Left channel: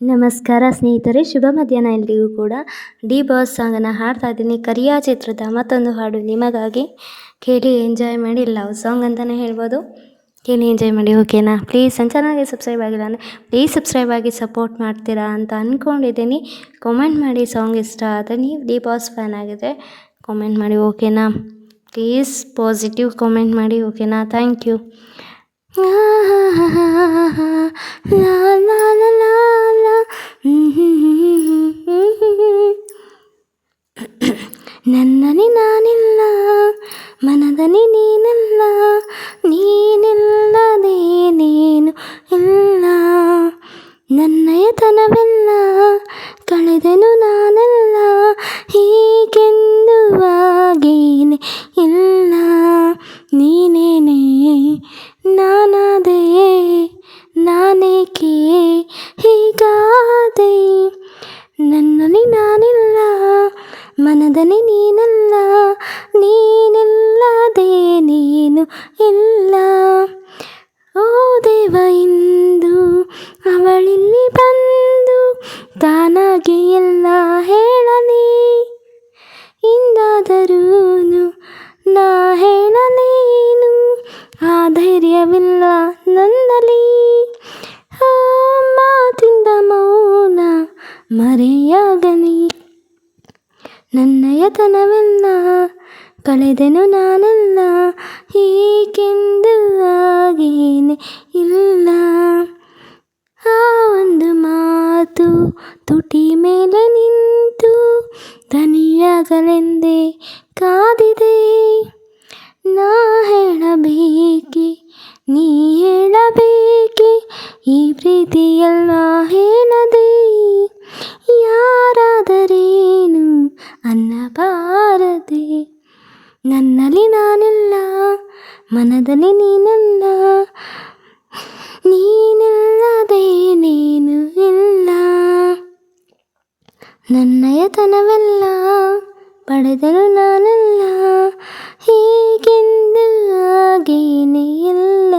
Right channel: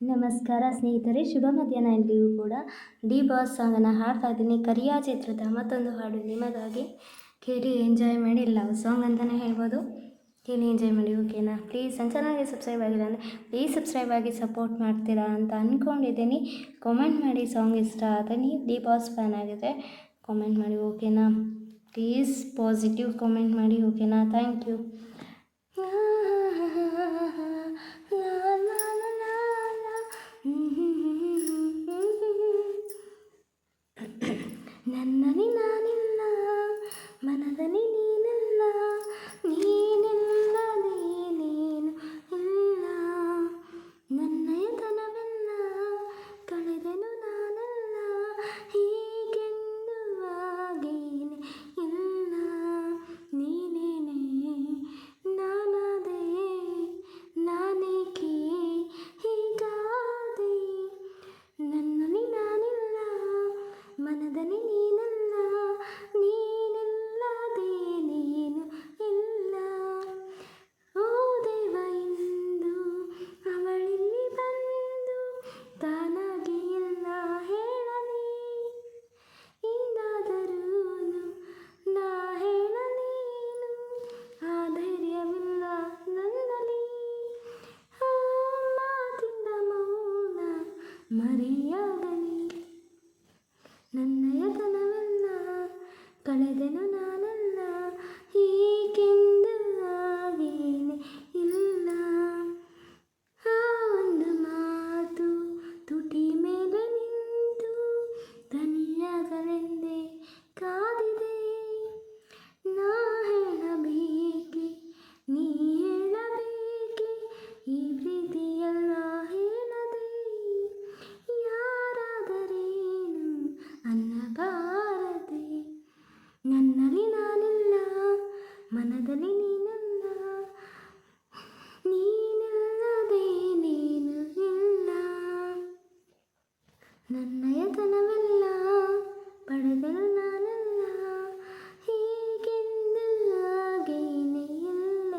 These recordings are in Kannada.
ನಮಸ್ಕಾರ ಸ್ನೇಹಿತರೆ, ಶುಭ ಮಧ್ಯಾಹ್ನ ಎಲ್ರಿಗೂ ಕೂಡ. ಡಿ ಬಾಸ್ ಸಾಂಗನ್ನು ಹಾಡ್ತಾ ಇದ್ದೀನಿ. ಕರಿಯ ಚಿತ್ರದ ಮತ್ತೊಂದು ಹಾಡು ನಿಮಗಾಗಿ. ಕೇಳಿ ಎಂಜಾಯ್ ಮಾಡಿ. ಲವ್ ಸಾಂಗ್ ಅಂತಲೇ ಹೇಳ್ಬೋದು. ಕೇಳಿ ಎಂಜಾಯ್ ಮಾಡಿ, ಓಕೆನಾ? ಪ್ಲೀಸ್ ನನ್ನ ಚಾನಲ್ಗೆ ಸಬ್ಸ್ಕ್ರೈಬ್ ಆಗಿಲ್ಲ ಅಂದರೆ ಪ್ಲೀಸ್ ಸಬ್ಸ್ಕ್ರೈಬ್ ಆಗಿ ಸಪೋರ್ಟ್ ಮಾಡ್ತೀರಾ ಅಂತ ಅಂದ್ಕೊಂಡಿದ್ದೀನಿ. ಕಾಮೆಂಟ್ ಮಾಡಿ, ಸಾಂಗ್ ಇಷ್ಟ ಆದರೆ ನೀವು ಡಿ ಬಾಸ್ ಫ್ಯಾನ್ ಆಗಿದ್ರೆ ಕಾಮೆಂಟ್ ಮಾಡಿ, ಓಕೆನಾ? ಪ್ಲೀಸ್ ಪಾಸಿಟಿವ್ ಕಾಮೆಂಟ್ ಮಾಡಿ, ಓಕೆನಾ? Thank you. ಲಾ ಲಾ ಲಾ ಲಾ ಲಾ. ನನ್ನಲ್ಲಿ ನಾನಿಲ್ಲ, ಮನದಲ್ಲಿ ನೀನಿಲ್ಲ, ನೀನಿಲ್ಲದೆ ನೀನು ಇಲ್ಲ. ನನ್ನಯತನವೆಲ್ಲ ಕಳೆದೆನು ನಾನೆಲ್ಲ, ಹೀಗೆಂದು ಆಗೇನೆ ಇಲ್ಲ. ನೀನೇನೆ ನಾನಾದೆ, ನಾನೇಕೆ ಹೀಗಾದೆ. ನನ್ನಲ್ಲಿ ನಾನಿಲ್ಲ, ಮನದಲ್ಲಿ ನೀನಿಲ್ಲ, ನೀನಿಲ್ಲದೆ ನೀನು ಇಲ್ಲ. ಓ ದೇವ, ಇಂದು ಅವಳಿಲ್ಲಿ ಬಂದು ತಾನಾಗಿ ಎಲ್ಲ ಹೇಳಲಿ. ಇಂದಾದರೂ ನಾ ಹೇಳಲೇನು, ಆ ಧೈರ್ಯವಿಲ್ಲ ನನ್ನಲ್ಲಿ. ಆ ಮಾತಿಂದ ಮೌನ ಮರೆಯಾಗಲಿ. ನನ್ನಯತನವೆಲ್ಲ ಕಳೆದೆನು ನಾನೆಲ್ಲ, ಹೀಗೆಂದು ಆಗೇನೆ ಇಲ್ಲ. ಆ ಒಂದು ಮಾತು ತುಟಿ ಮೇಲೆ ನಿಂತು ದನಿಯಾಗಲೆಂದೇ ಕಾದಿದೆ. ನಾ ಹೇಳಬೇಕೆ, ನೀ ಹೇಳಬೇಕೆ, ಈ ಪ್ರೀತಿಯೆಲ್ಲ ಹೇಳದೆ. ಯಾರಾದರೇನು ಅನ್ನಬಾರದೆ. ನನ್ನಲ್ಲಿ ನಾನಿಲ್ಲ, ಮನದಲ್ಲಿ ನೀನಿಲ್ಲ, ನೀನಿಲ್ಲದೆ ನೀನು ಇಲ್ಲ. ನನ್ನಯತನವೆಲ್ಲ ಪಡೆದನು ನಾನೆಲ್ಲ, ಹೀಗೆಂದು ಆಗೇನೆ ಇಲ್ಲ.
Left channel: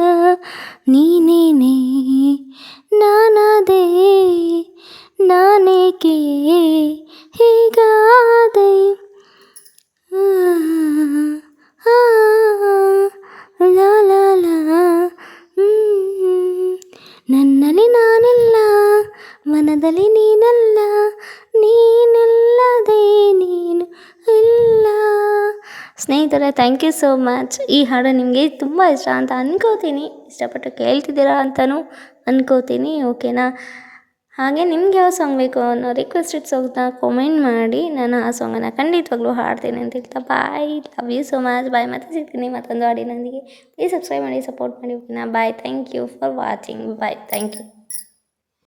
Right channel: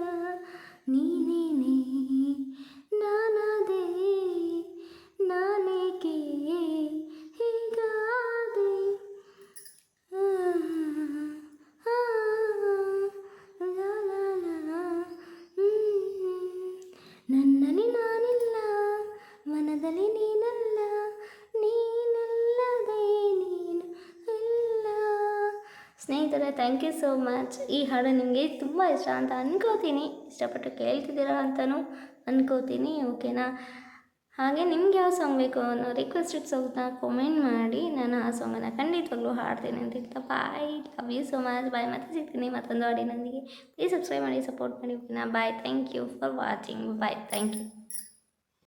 ನೀನೇನೆ ನಾನಾದೆ, ನಾನೇಕೆ ಹೀಗಾದೆ. ಲಾ ಲಾ ಲಾ. ನನ್ನಲ್ಲಿ ನಾನಿಲ್ಲ, ಮನದಲ್ಲಿ ನೀನಲ್ಲ, ನೀನಿಲ್ಲದೆ ನೀನು ಇಲ್ಲ. ಸ್ನೇಹಿತರೆ, ಥ್ಯಾಂಕ್ ಯು ಸೋ ಮಚ್. ಈ ಹಾಡು ನಿಮಗೆ ತುಂಬ ಇಷ್ಟ ಅಂತ ಅನ್ಕೋತೀನಿ. ಇಷ್ಟಪಟ್ಟು ಕೇಳ್ತಿದ್ದೀರಾ ಅಂತಲೂ ಅನ್ಕೋತೀನಿ, ಓಕೆನಾ? ಹಾಗೆ ನಿಮ್ಗೆ ಯಾವ ಸಾಂಗ್ ಬೇಕು ಅನ್ನೋ ರಿಕ್ವೆಸ್ಟೆಡ್ ಸಾಂಗ್ನ ಕಾಮೆಂಟ್ ಮಾಡಿ. ನಾನು ಆ ಸಾಂಗನ್ನು ಖಂಡಿತವಾಗ್ಲೂ ಹಾಡ್ತೀನಿ ಅಂತ ಹೇಳ್ತಾ bye. Love you so much. Bye. ಮತ್ತೆ ಸಿಗ್ತೀನಿ ಮತ್ತೊಂದು ಹಾಡಿನೊಂದಿಗೆ. ಪ್ಲೀಸ್ ಸಬ್ಸ್ಕ್ರೈಬ್ ಮಾಡಿ, ಸಪೋರ್ಟ್ ಮಾಡಿ, ಓಕೆನಾ? Bye. Thank you for watching. Bye. Thank you.